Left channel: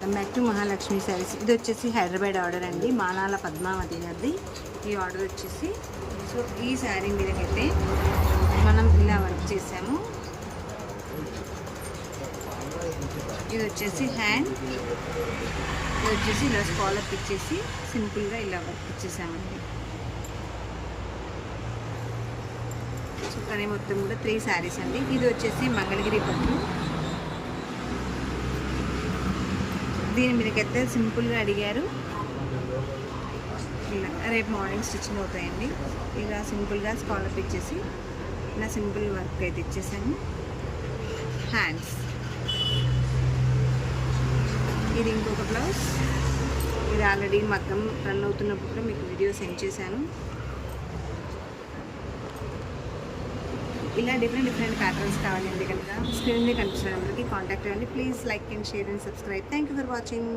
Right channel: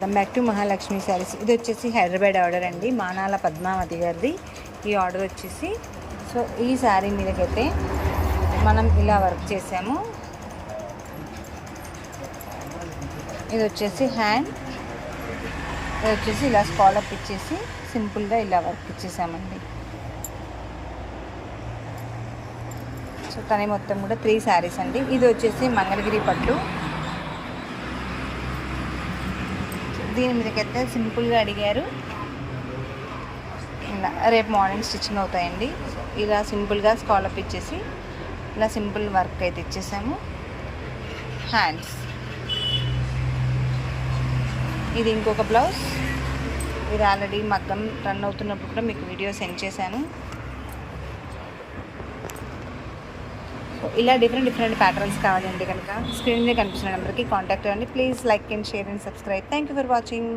Welcome back to Mahalakshmi saris. ఇది వచ్చేసి Hyderabad order అండి, మానాల పద్మావతి గారిది ఈ ఆర్డర్ వచ్చేసి. సో ఈ శారీ మీదకైతే మనం ఇలా వర్క్ చేసాము. ఇది వచ్చేసి హ్యాండ్, ఇది వచ్చేసి ఇలా స్కాలప్ ఇచ్చేసి సింపుల్గా ఇలా వర్క్ ఇచ్చేసామండి. సో కానీ మొత్తం కూడా 3 శారీస్ అండి. ఇది వచ్చేసి మంగళగిరి పట్టు. దీని మీదకైతే సింపుల్గా అడిగారు, ఇలా రేపు మార్నింగ్ స్టిచ్చింగ్ అవుతాయండి. ఇలా సింపుల్గా స్కాలప్ ఇచ్చేసి ఇలా సింపుల్ వర్క్ అయితే ఇచ్చేసాము. హ్యాండ్స్, ఇది ఇంకొక బ్లౌజ్. ఇది ఆల్రెడీ మగ్గం రన్ అవుతున్నప్పుడు కూడా మీకు వీడియో సెండ్ చేశాను. ఇలా డిఫరెంట్ ప్యాటర్న్స్ కావాలండి కనుక స్క్రీన్ మీద కనిపిస్తున్న నెంబర్కి కాంటాక్ట్ అవ్వండి. Please like and share and subscribe. Thank you for watching.